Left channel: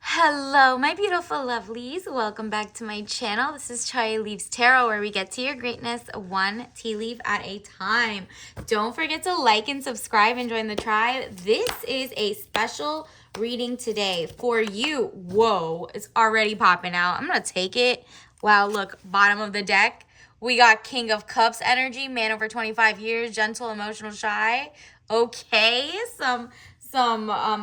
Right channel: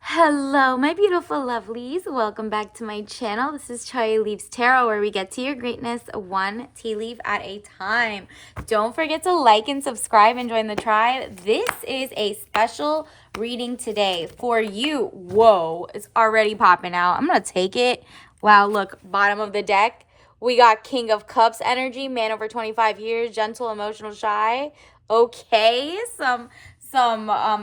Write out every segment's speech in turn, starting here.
Hello, my beautiful lovelies. Welcome back to my channel. This is Chai Leaves Tarot, where we get to your greatness one tea leaf at a time. Don't forget to like and subscribe and join the tribe. This is a special reading today for you. Whoa, it's already popping out. I'm going to take it. Wow, look, bottom of the deck. We got King of Cups energy, man over 25 years, gentle, emotional, shy. Okay, some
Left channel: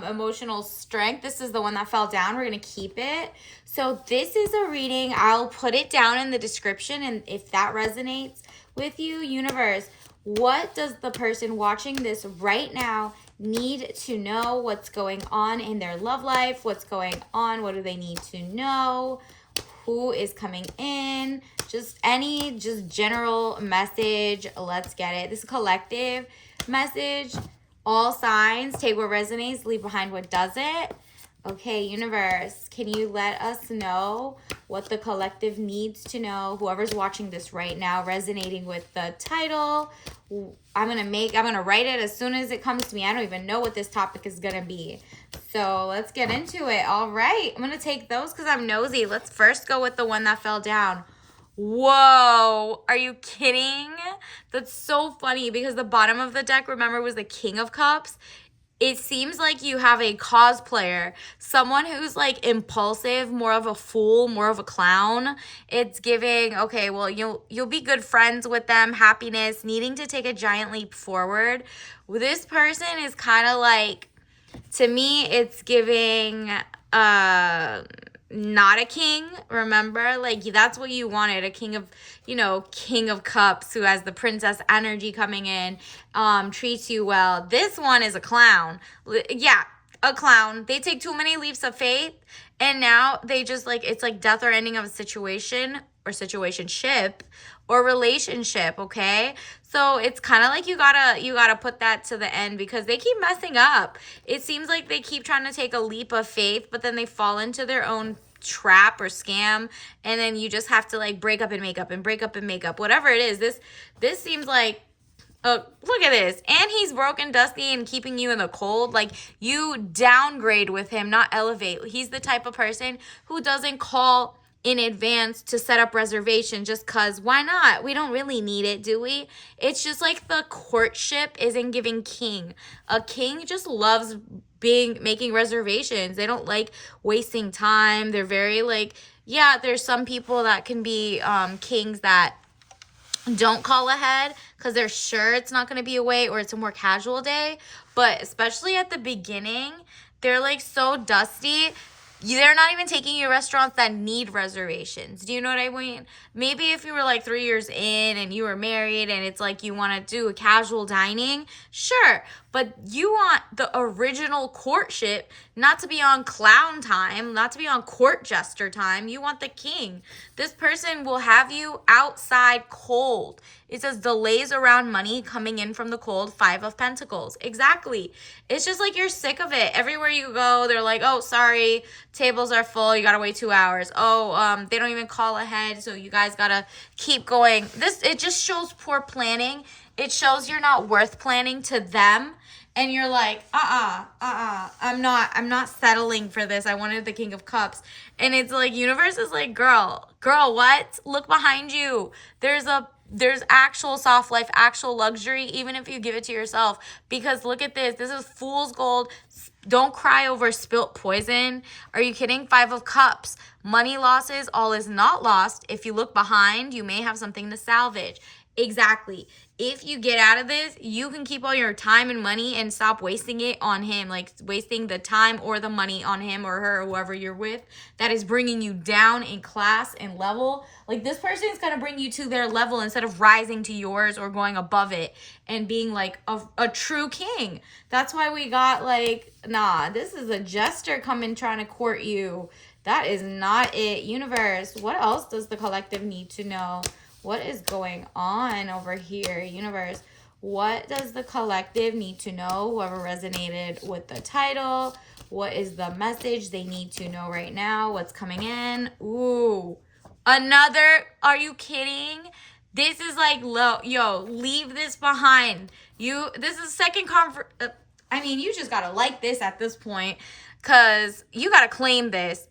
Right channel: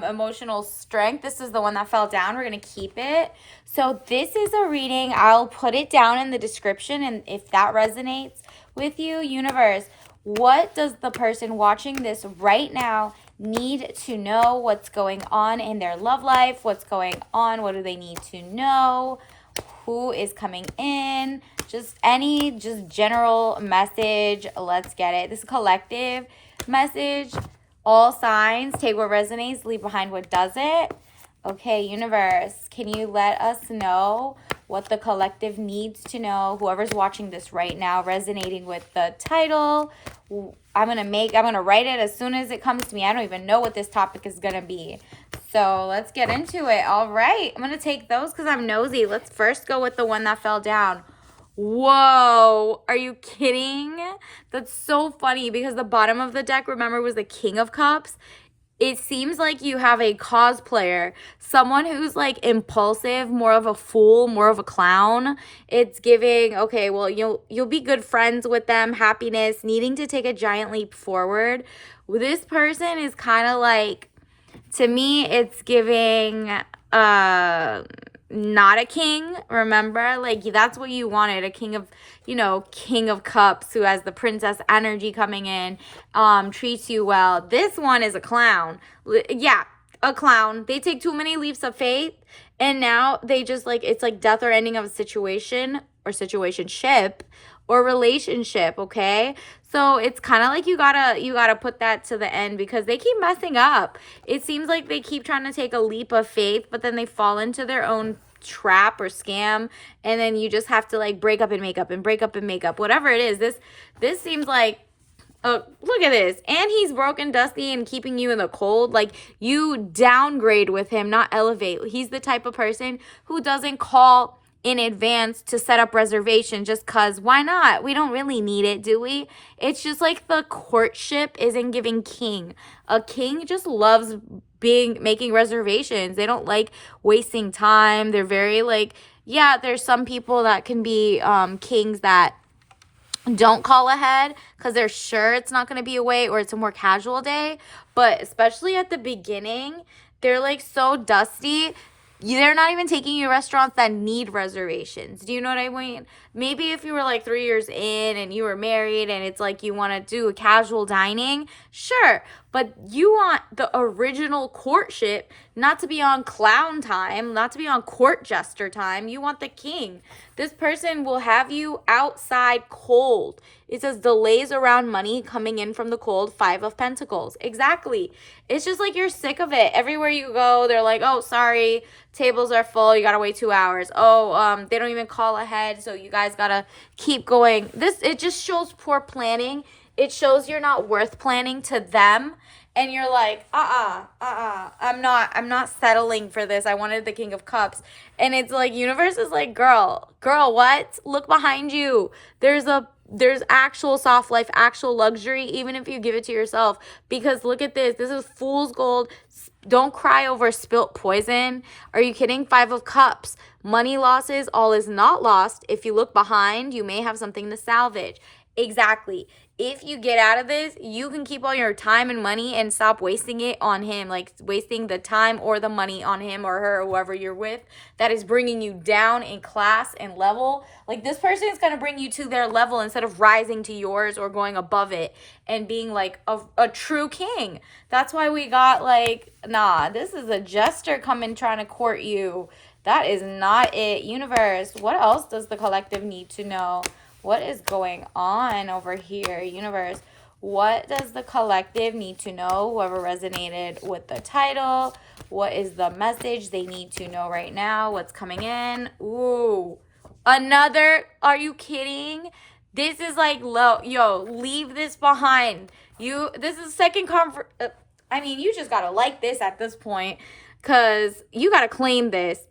emotional strength. This is the one that fell down. We're going to keep it. So this is a reading. I'll put it down in the description, and if that resonates with you, universe, what does the person watching this right now need to know? What's going on in their love life? What's going on? What do they need to know? Who is coming in? Just general message. Let's get it. This collective message. All signs, take what resonates, leave behind what doesn't. Okay, universe, can you let us know what the collective needs to know? Whoever's watching this right now, resonating with the title. I'm gonna write it as soon as it comes to me. I don't even know what this topic is gonna be. So let's get into it. All right, I'm gonna take those because I'm nosy. Let's first go with the one that fell down. Whoa, are you kidding? That's so funny because the bottom of the deck, remember, was the King of Cups. It seems like you have a cosplayer, someone who's like impulsive, more of a fool, more of a clown. It's giving, okay, well, you'll be good friends with them, happiness, needing to take a giant leap forward. This person is kind of like, to me, it's giving not a king. Remember, like, that's what you wanted, a king of, King of Cups, who has the princess energy coming in, treats you well. This one is a clown. Yeah, a clown. They take too many leaps of faith, and now they just, like, it's like death or ending of a situation or situationship or relationship. Okay, so it's kind of like you gotta put that to the end because they keep messing up. It seems like they keep trying to take a leap of faith, but then they fall into their own trap or scam, and then you just have to like break up and make up and break up and make up, whatever it is. This seems like, look at this. And he's broken, dusty, and keeping you in the cold. Like, you downgrade with him, not elevate. He's the type of person who doesn't call in advance to set up reservation just because why not? We don't really need it, do we? It's just like the courtship isn't giving king. A king just loves making reservations. They don't like wasting time. They're very like, yeah, there's some people that can be kings that don't call ahead because they're sure it's not going to be a wait or it's a more casual day. But especially at the beginning, they're like so dusty. They're not even taking you restaurants that need reservations. Do you know what I mean? Maybe if you were like 3 years in and you were married and it's like you want to do a casual dining, sure. But you want the original courtship, not to be on clown time, not to be on court jester time. You want the king. This person will have you outside cold. It says delays around money coming in from the cold, 5 of Pentacles. Exactly. It's just like you're sick of it. Everywhere you go, they're like, oh, sorry, tables are full. You got to wait 2 hours. Oh, they don't even call ahead, so you guys got to keep going. It just shows poor planning. It shows you're not worth planning to them. And you're like, I'm not settling for this. I wanted the King of Cups. And it's like, universe is like, girl, what? Look behind you. There's actual soft life, actual luxury, even if you give it to yourself. Because look at this. This is fool's gold. Don't cry over spilt poison. Are you kidding? 5 of Cups. Money losses, all is not lost. If you look behind, you may have something to salvage. Exactly. If you get out of this, you can keep all your time and money and stop wasting it on him, like wasting the time or the money on him or her or whoever you're with that is bringing you down in class and level. Like, this person is going to bring you to their level instead of rising to yours or going above it and being like a true king. That's why we got like, nah, this is a jester coming trying to court you. That is not it. Universe, what else does the collective need to know? What is going on over here, universe? What does the collective need to know? Whoever resonated with the title, what is the message they need to know right now? What's coming in? Ooh, another, are you kidding? This is like, yo, leave this behind. This is second I mean, you just gotta like this at this point. because you got to claim this.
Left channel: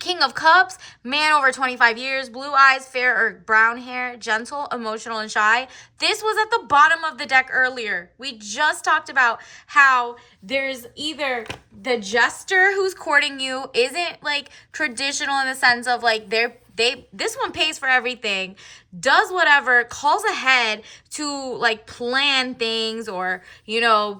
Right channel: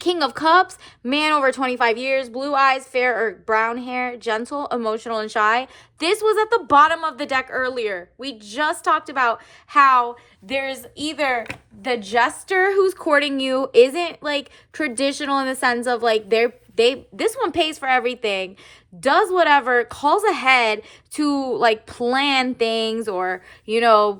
King of Cups, man over 25 years, blue eyes, fair or brown hair, gentle, emotional, and shy. This was at the bottom of the deck earlier. We just talked about how there's either the jester who's courting you isn't like traditional in the sense of like this one pays for everything, does whatever, calls ahead to like plan things, or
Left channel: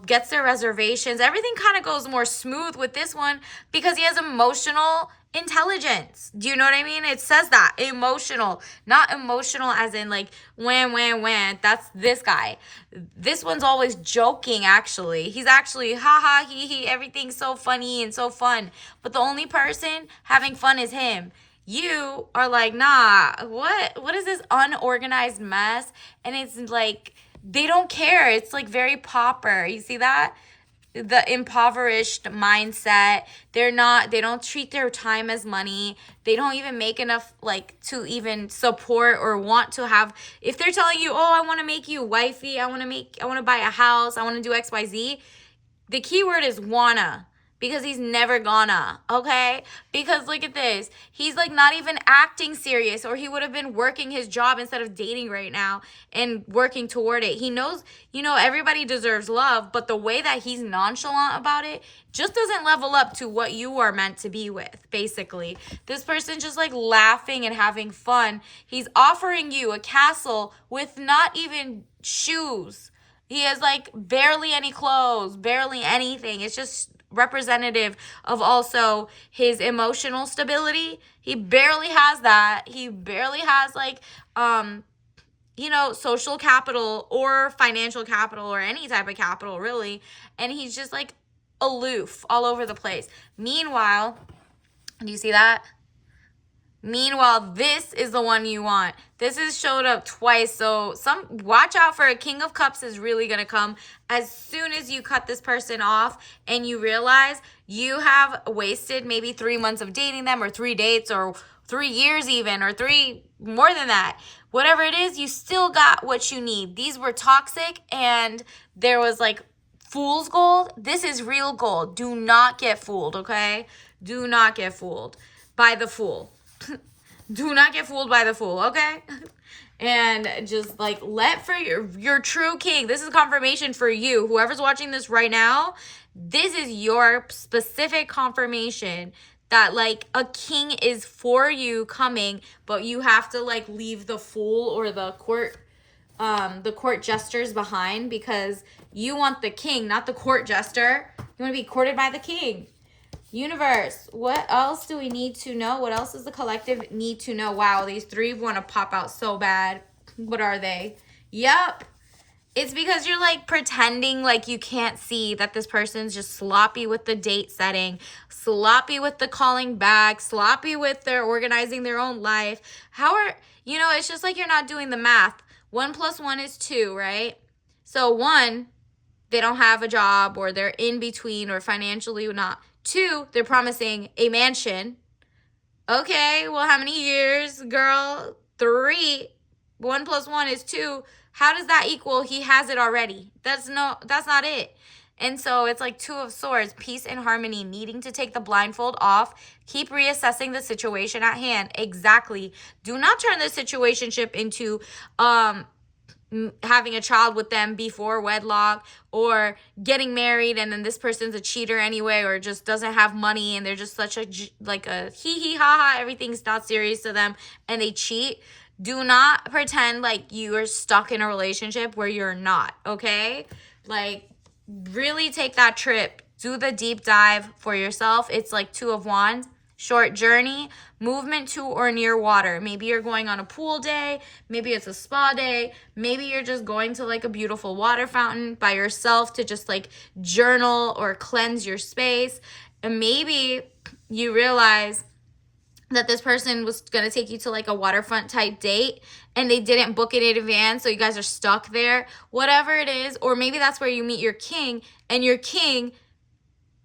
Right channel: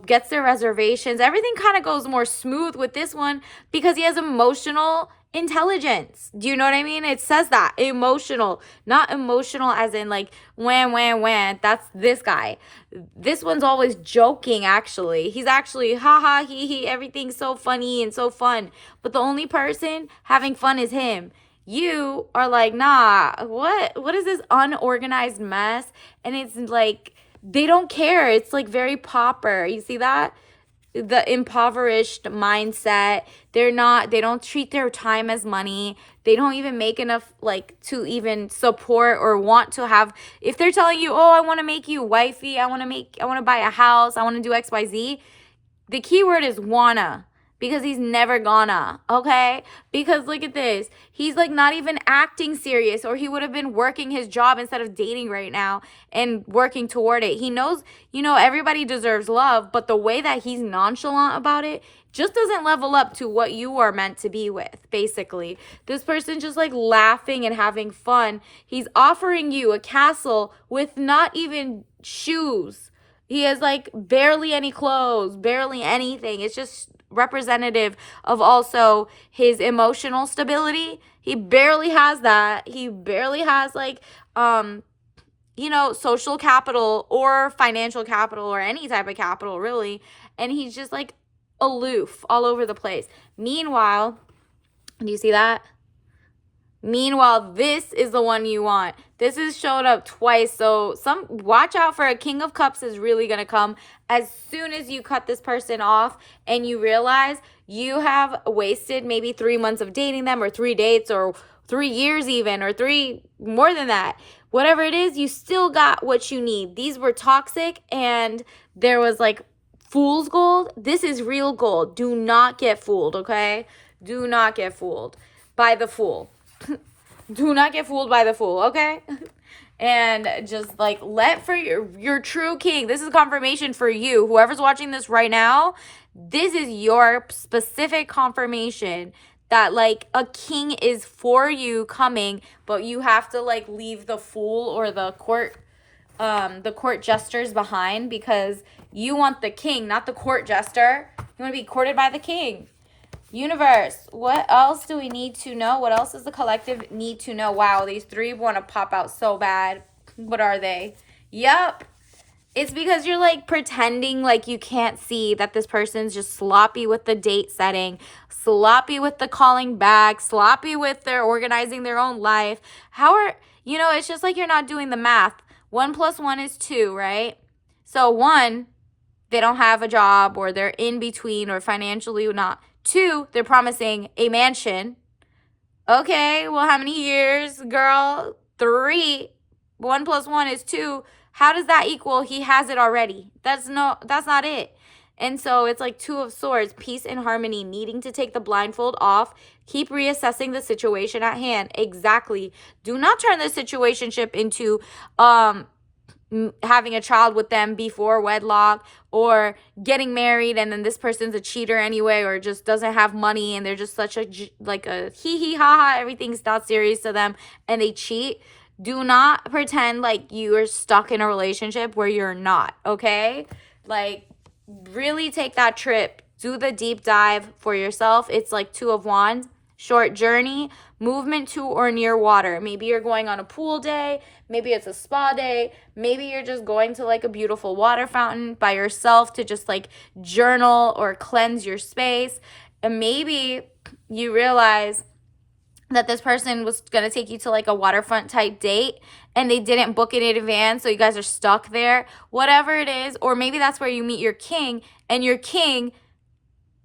gets their reservations. Everything kind of goes more smooth with this one because he has emotional intelligence. Do you know what I mean? It says that emotional, not emotional as in like when. That's this guy. This one's always joking. Actually, he's actually haha he everything's so funny and so fun, but the only person having fun is him. You are like, nah, what is this unorganized mess? And it's like they don't care. It's like very pauper. You see that? The impoverished mindset. They don't treat their time as money. They don't even make enough like to even support or want to have. If they're telling you, oh, I want to make you wifey, I want to buy a house, I want to do XYZ, the key word is wanna. Because he's never gonna, okay? Because look at this. He's like not even acting serious, or he would have been working his job instead of dating right now and working toward it. He knows, everybody deserves love, but the way that he's nonchalant about it just doesn't level up to what you are meant to be with, basically. This person's just like laughing and having fun. He's offering you a castle with not even shoes. He has like barely any clothes, barely anything. It's just representative of also his emotional stability. He barely has that. He barely has like social capital or financial capital or any type of capital really, and he's just like aloof all over the place. Meanwhile, do you see that? Meanwhile, this is the one you want. This has showed up twice. So watch out for a King of Cups is really going to come as soon as you cut this person off and you realize you have wasted maybe 3 months of dating them, or 3 dates, or 3 years even, or 3 more than that. Whatever it is, you still got what you need. These were toxic and there was like fool's gold. This is real gold. Do not get fooled, okay? Do not get fooled by the fool. Do not get fooled by the fool, okay? And just like let for your true king. This is confirmation for you. Whoever's watching this right now, this is your specific confirmation that like a king is for you coming, but you have to like leave the fool or the court jesters behind, because you want the king, not the court jester. You want to be courted by the king. Universe, what else do we need to know? What else does the collective need to know? Wow, these 3 want to pop out so bad. What are they? Yep. It's because you're like pretending like you can't see that this person's just sloppy with the date setting, sloppy with the calling back, sloppy with their organizing their own life. It's just like you're not doing the math. 1 + 1 is 2, right? So 1, they don't have a job, or they're in between, or financially not. 2, they're promising a mansion. Okay, well, how many years, girl? 3. 1 + 1 is 2. How does that equal? He has it already. That's not it. And so it's like 2 of Swords, peace and harmony, needing to take the blindfold off. Keep reassessing the situation at hand. Exactly. Do not turn the situationship into having a child with them before wedlock, or getting married and then this person's a cheater anyway, or just doesn't have money and they're just such a hee ha ha, everything's not serious to them and they cheat. Do not pretend like you are stuck in a relationship where you're not, okay? Like, really take that trip. Do the deep dive for yourself. It's like 2 of Wands. Short journey, movement to or near water. Maybe you're going on a pool day. Maybe it's a spa day. Maybe you're just going to like a beautiful water fountain by yourself to just like journal or cleanse your space. And maybe you realize that this person was going to take you to like a waterfront type date and they didn't book it in advance, so you guys are stuck there. Whatever it is, or maybe that's where you meet your king, and your king,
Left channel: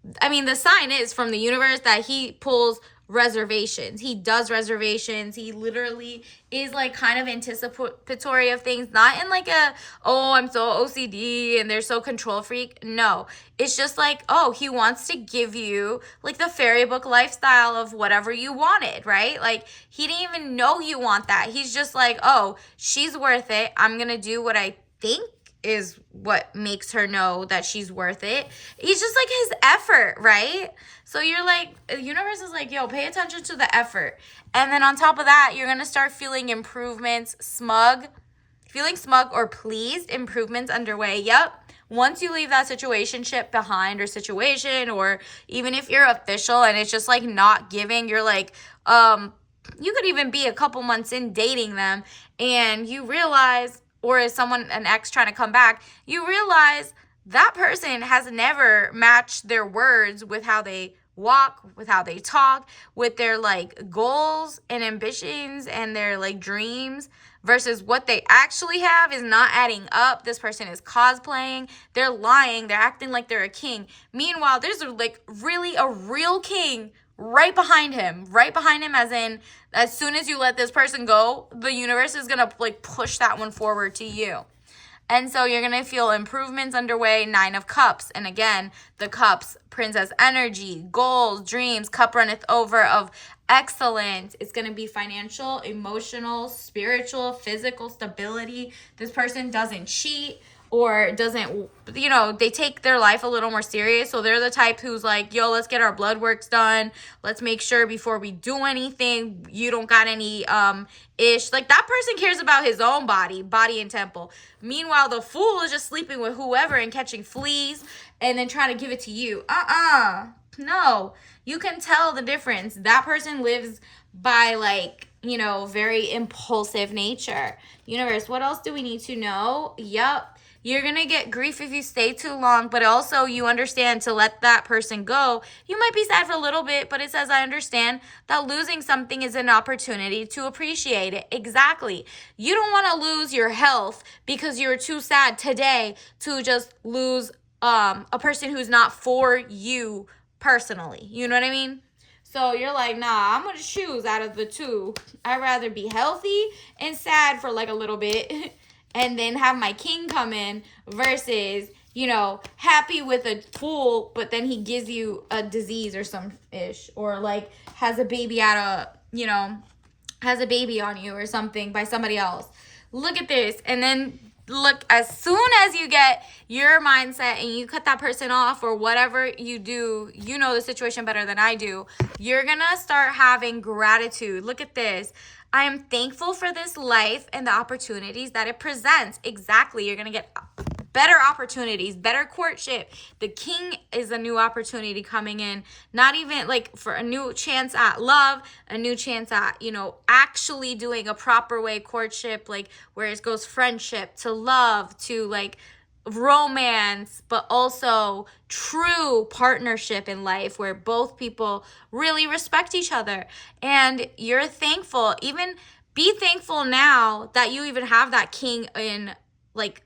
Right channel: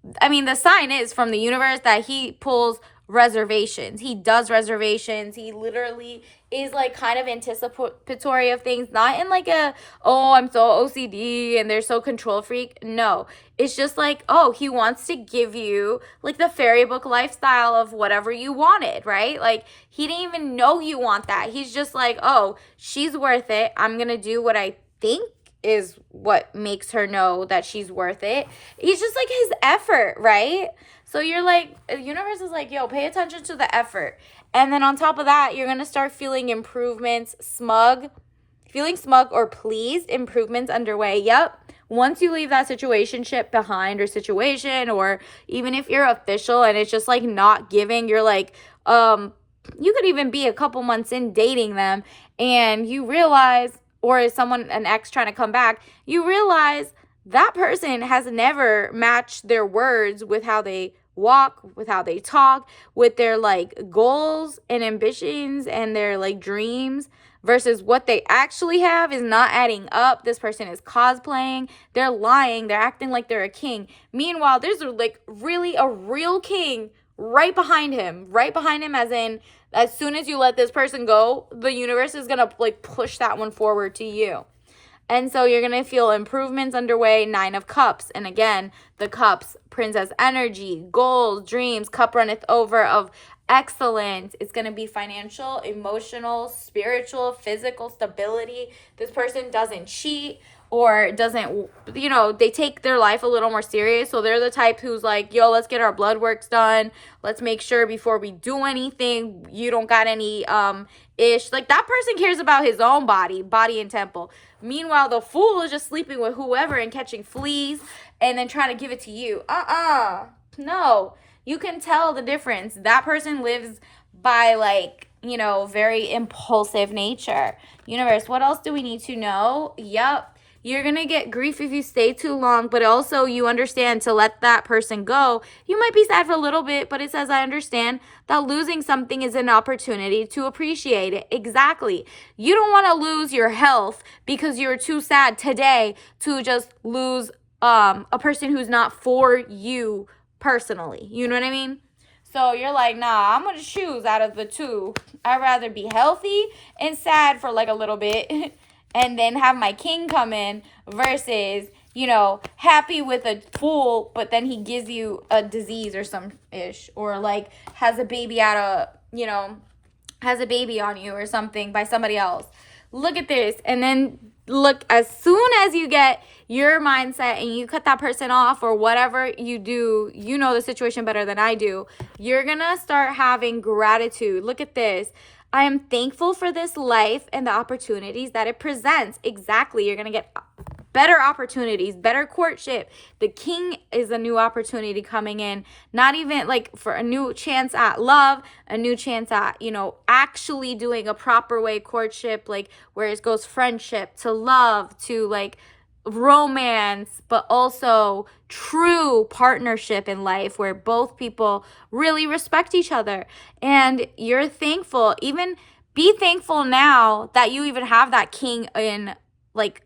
the sign is from the universe that he pulls reservations. He does reservations. He literally is like kind of anticipatory of things, not in like a, oh, I'm so OCD and they're so control freak. No, it's just like, oh, he wants to give you like the fairy book lifestyle of whatever you wanted, right? Like he didn't even know you want that. He's just like, oh, she's worth it. I'm gonna do what I think is what makes her know that she's worth it. He's just like his effort, right? So you're like, the universe is like, yo, pay attention to the effort. And then on top of that, you're going to start feeling improvements, feeling smug or pleased, improvements underway. Yep. Once you leave that situationship behind or even if you're official and it's just like not giving, you're like, you could even be a couple months in dating them and you realize, or is someone, an ex trying to come back, you realize that person has never matched their words with how they walk, with how they talk, with their like goals and ambitions and their like dreams versus what they actually have is not adding up. This person is cosplaying, they're lying, they're acting like they're a king. Meanwhile, there's like really a real king right behind him as in as soon as you let this person go, the universe is going to like push that one forward to you. And so you're going to feel improvements underway, 9 of Cups. And again, the Cups, princess energy, goals, dreams, cup runneth over of excellence. It's going to be financial, emotional, spiritual, physical stability. This person doesn't cheat or doesn't, they take their life a little more serious. So they're the type who's like, yo, let's get our blood works done. Let's make sure before we do anything, you don't got any ish. Like that person cares about his own body and temple. Meanwhile, the fool is just sleeping with whoever and catching fleas and then trying to give it to you. No. You can tell the difference. That person lives by like, very impulsive nature. Universe, what else do we need to know? Yep. You're going to get grief if you stay too long, but also you understand to let that person go. You might be sad for a little bit, but it says, I understand that losing something is an opportunity to appreciate it. Exactly. You don't want to lose your health because you're too sad today to just lose a person who's not for you personally. You know what I mean? So you're like, nah, I'm going to choose out of the two. I'd rather be healthy and sad for like a little bit and then have my king come in versus, happy with a fool, but then he gives you a disease or some ish, or like has a baby has a baby on you or something by somebody else. Look at this. And then look, as soon as you get your mindset and you cut that person off or whatever you do, the situation better than I do, you're going to start having gratitude. Look at this. I am thankful for this life and the opportunities that it presents. Exactly. You're going to get better opportunities, better courtship. The king is a new opportunity coming in, not even like for a new chance at love, a new chance at, actually doing a proper way courtship, like where it goes friendship to love to like romance, but also true partnership in life where both people really respect each other. And you're thankful, even be thankful now that you even have that king in like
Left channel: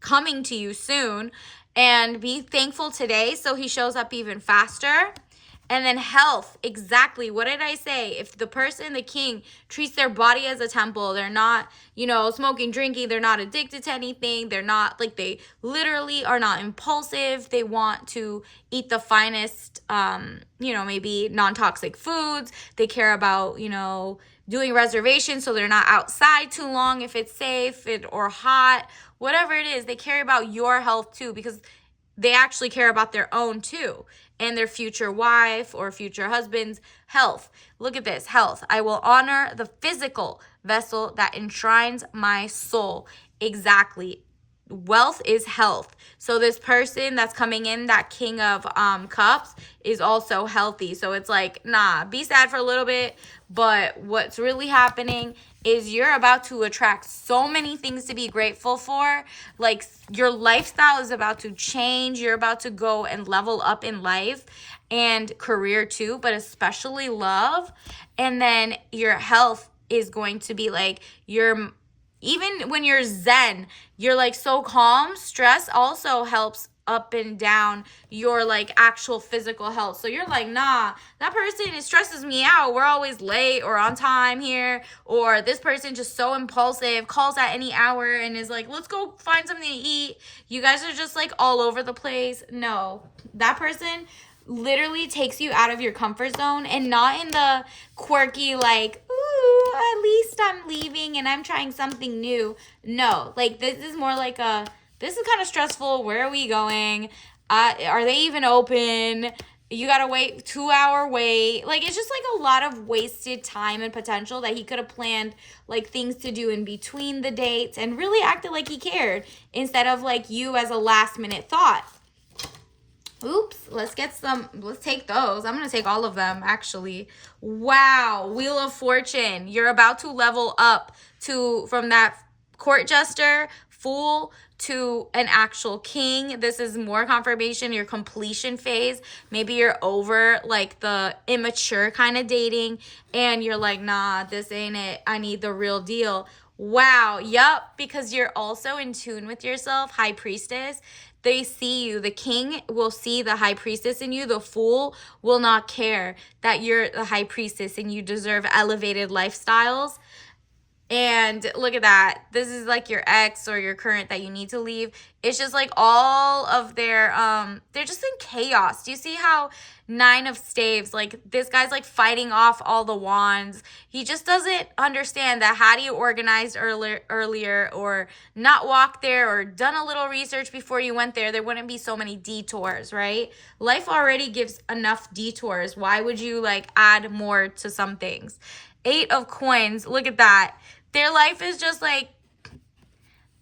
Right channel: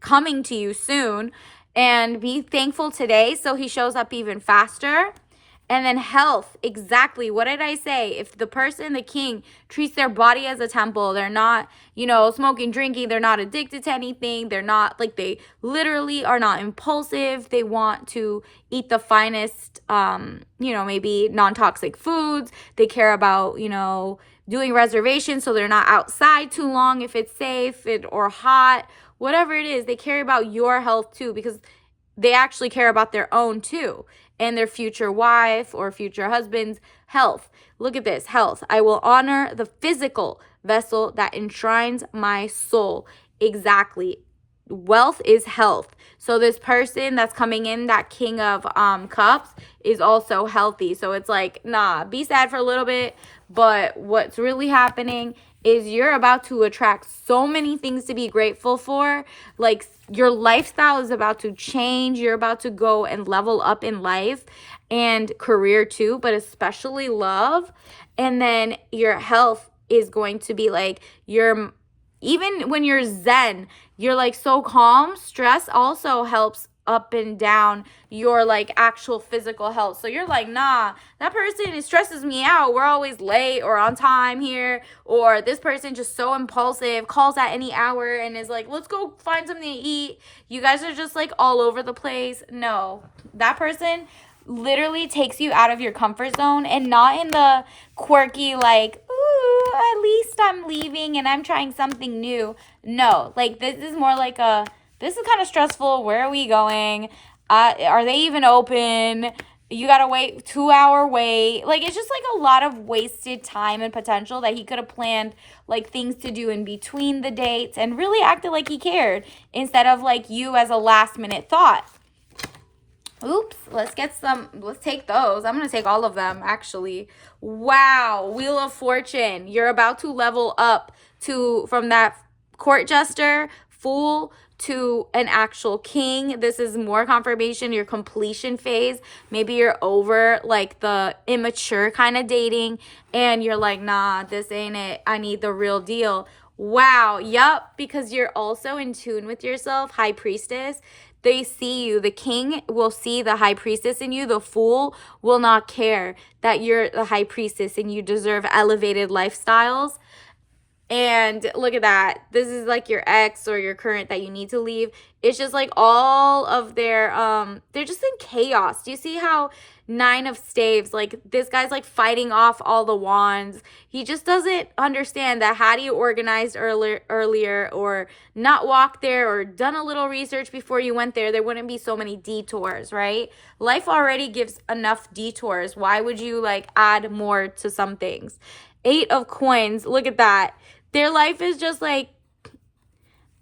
coming to you soon, and be thankful today so he shows up even faster. And then health, exactly. What did I say? If the person, the king, treats their body as a temple, they're not, smoking, drinking, they're not addicted to anything, they're not, like, they literally are not impulsive, they want to eat the finest, maybe non-toxic foods, they care about, doing reservations so they're not outside too long if it's safe or hot, whatever it is, they care about your health too, because they actually care about their own too, and their future wife or future husband's health. Look at this, health. I will honor the physical vessel that enshrines my soul. Exactly. Wealth is health. So this person that's coming in, that king of cups, is also healthy. So it's like, nah, be sad for a little bit, but what's really happening is you're about to attract so many things to be grateful for. Like your lifestyle is about to change. You're about to go and level up in life and career too, but especially love. And then your health is going to be like even when you're zen, you're like so calm. Stress also helps up and down your like actual physical health. So you're like, nah, that person, it stresses me out. We're always late or on time here, or this person just so impulsive, calls at any hour and is like, let's go find something to eat. You guys are just like all over the place. No, that person literally takes you out of your comfort zone, and not in the quirky like, ooh, at least I'm leaving and I'm trying something new. No, like this is more like a, this is kind of stressful. Where are we going? Are they even open? You gotta wait 2 hour wait. Like, it's just like a lot of wasted time and potential that he could have planned like things to do in between the dates and really acted like he cared, instead of like you as a last minute thought. Oops, let's take those. I'm going to take all of them, actually. Wow, Wheel of Fortune. You're about to level up from that court jester, fool, to an actual king. This is more confirmation, your completion phase. Maybe you're over like the immature kind of dating and you're like, nah, this ain't it. I need the real deal. Wow, yup, because you're also in tune with yourself, High Priestess. They see you. The king will see the high priestess in you. The fool will not care that you're the high priestess and you deserve elevated lifestyles. And look at that. This is like your ex or your current that you need to leave. It's just like all of their, they're just in chaos. Do you see how 9 of Staves, like this guy's like fighting off all the wands. He just doesn't understand that had he organized earlier or not walked there or done a little research before you went there wouldn't be so many detours, right? Life already gives enough detours. Why would you like add more to some things? 8 of Coins, look at that. Their life is just like,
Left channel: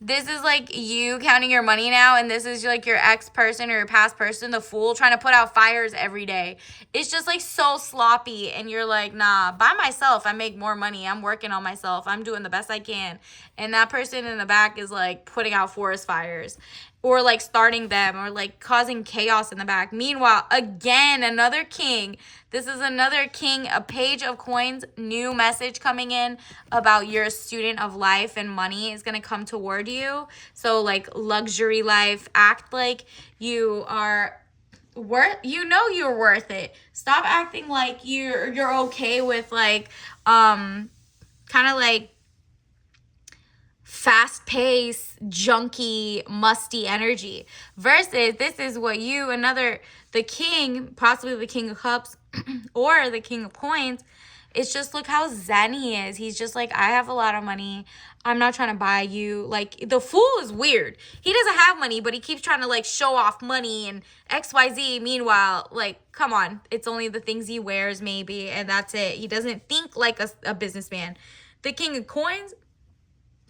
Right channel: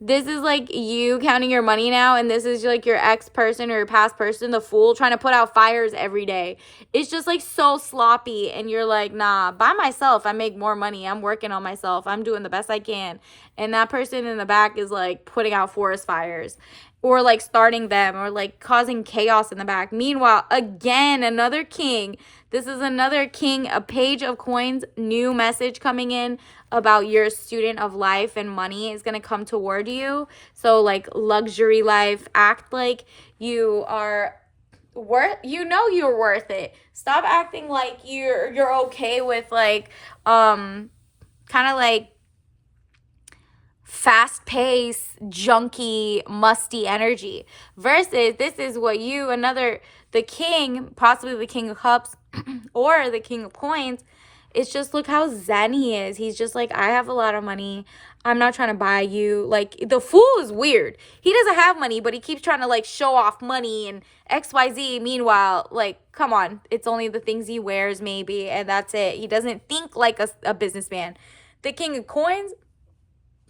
this is like you counting your money now, and this is like your ex person or your past person, the fool, trying to put out fires every day. It's just like so sloppy, and you're like, nah, by myself, I make more money. I'm working on myself. I'm doing the best I can. And that person in the back is like putting out forest fires or like starting them or like causing chaos in the back. Meanwhile, again, another king. This is another king, a Page of Coins, new message coming in about your student of life, and money is going to come toward you. So like luxury life, act like you are you're worth it. Stop acting like you're okay with like kind of like fast paced, junky, musty energy, versus this is what the king, possibly the King of Cups or the King of Coins. It's just, look how zen he is. He's just like, I have a lot of money. I'm not trying to buy you. Like, the fool is weird. He doesn't have money, but he keeps trying to like show off money and XYZ. Meanwhile, like, come on, it's only the things he wears maybe, and that's it. He doesn't think like a businessman. The King of Coins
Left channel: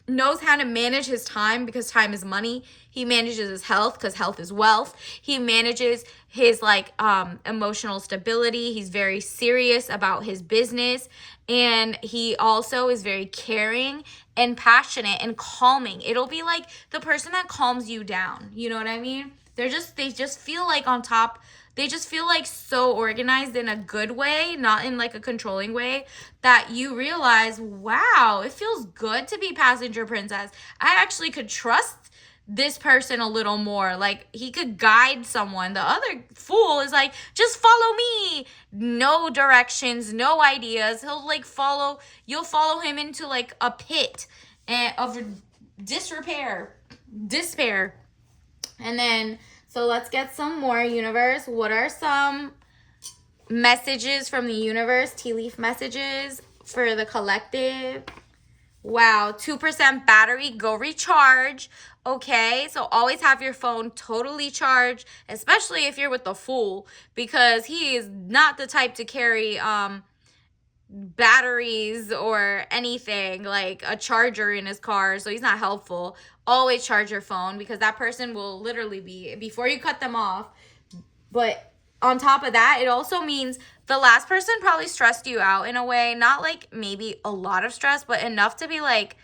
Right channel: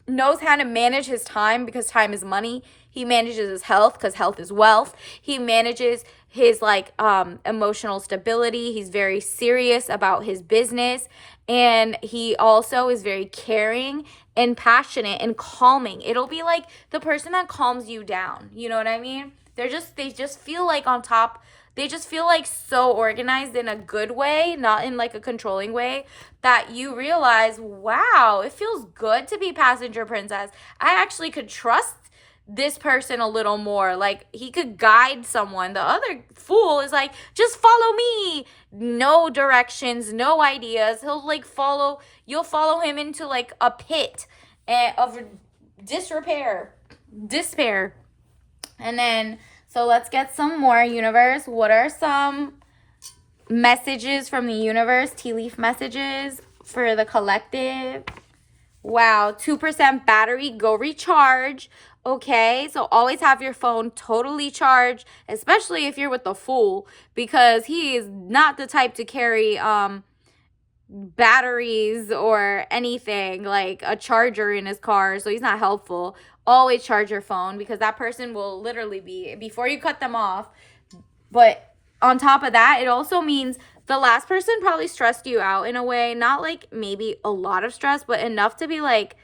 knows how to manage his time, because time is money. He manages his health because health is wealth. He manages his like emotional stability. He's very serious about his business, and he also is very caring and passionate and calming. It'll be like the person that calms you down. You know what I mean? They just feel like on top. They just feel like so organized in a good way, not in like a controlling way, that you realize, wow, it feels good to be passenger princess. I actually could trust this person a little more. Like, he could guide someone. The other fool is like, just follow me. No directions, no ideas. You'll follow him into like a pit of despair. And then, so let's get some more, universe. What are some messages from the universe, tea leaf messages for the collective? Wow, 2% battery, go recharge. Okay, so always have your phone totally charged, especially if you're with the fool, because he is not the type to carry batteries or anything like a charger in his car, so he's not helpful. Always charge your phone, because that person will literally be, before you cut them off. But on top of that, it also means the last person probably stressed you out in a way, not like maybe a lot of stress, but enough to be like,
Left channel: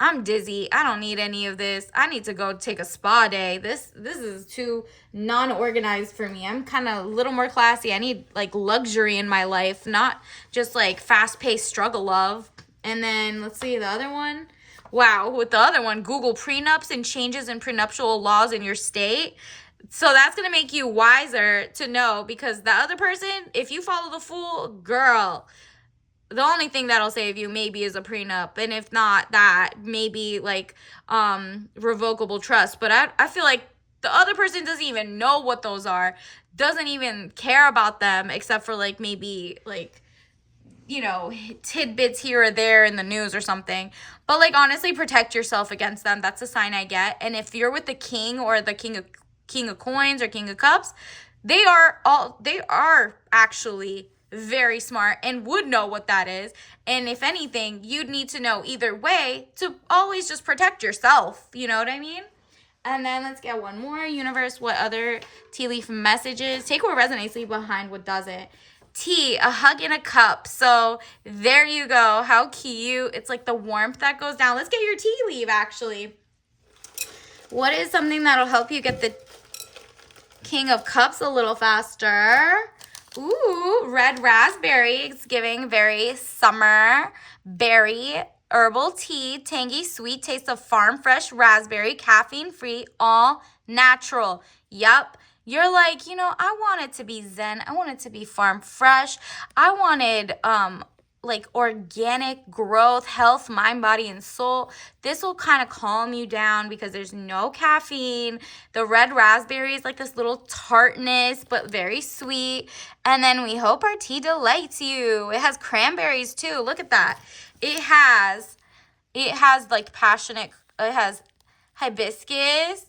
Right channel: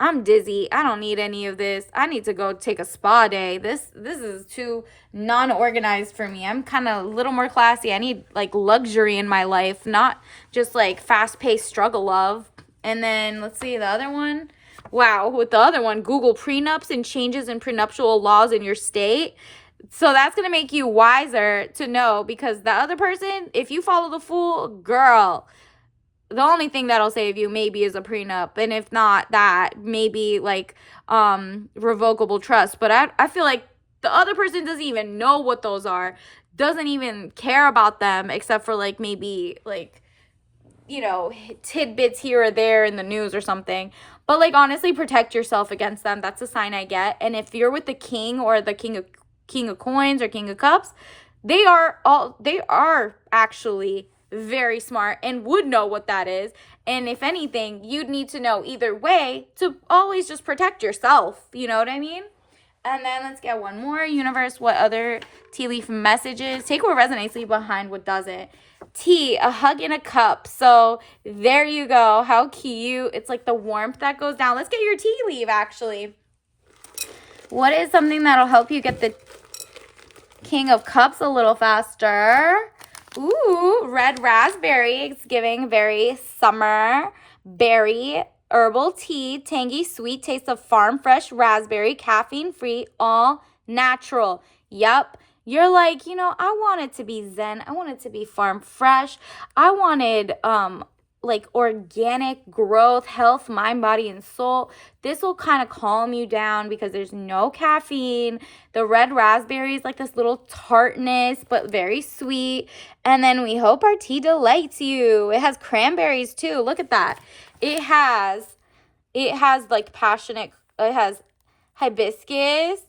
I'm dizzy. I don't need any of this. I need to go take a spa day. This is too non-organized for me. I'm kind of a little more classy. I need like luxury in my life, not just like fast-paced struggle love. And then let's see the other one. Wow, with the other one, Google prenups and changes in prenuptial laws in your state. So that's going to make you wiser to know, because the other person, if you follow the Fool, girl, the only thing that'll save you maybe is a prenup, and if not that, maybe like revocable trust. But I feel like the other person doesn't even know what those are, doesn't even care about them, except for like maybe like, you know, tidbits here or there in the news or something. But like, honestly, protect yourself against them. That's a sign I get. And if you're with the king or the king of coins or king of cups, they are actually very smart and would know what that is. And if anything, you'd need to know either way to always just protect yourself. You know what I mean? And then let's get one more. Universe, what other tea leaf messages? Take what resonates, leave behind what doesn't. Tea, a hug in a cup. So there you go. How cute. It's like the warmth that goes down. Let's get your tea leaf, actually. What is something that'll help you get the King of Cups a little faster? Ooh, red raspberry. It's giving very summer berry. Herbal tea, tangy, sweet taste of farm fresh raspberry, caffeine free, all natural. Yup. You're like, you know, I want it to be zen. I want it to be farm fresh. I wanted like organic growth, health, mind, body, and soul. This will kind of calm you down because there's no caffeine. The red raspberry is like this little tartness, but very sweet. And then we hope our tea delights you. It has cranberries too. Look at that. It has like passionate, it has hibiscus,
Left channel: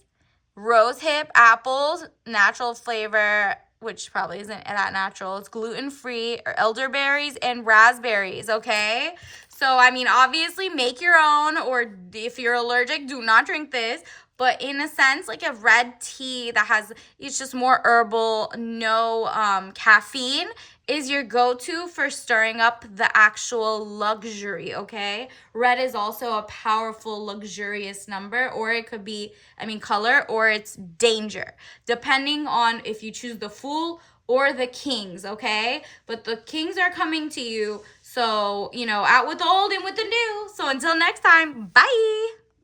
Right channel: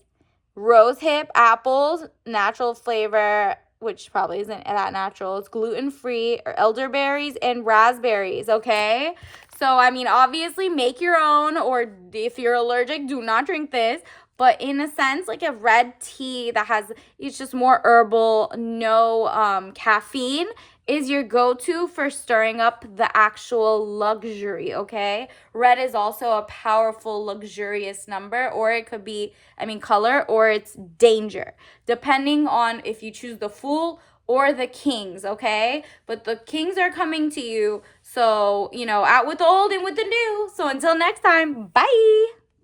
rosehip, apples, natural flavor, which probably isn't that natural. It's gluten-free, or elderberries and raspberries, okay? So, I mean, obviously make your own, or if you're allergic, do not drink this. But in a sense, like a red tea that has, it's just more herbal, no caffeine, is your go-to for stirring up the actual luxury, okay? Red is also a powerful, luxurious number, or it could be, color, or it's danger, depending on if you choose the Fool or the Kings, okay? But the Kings are coming to you, so, you know, out with the old and with the new. So until next time, bye!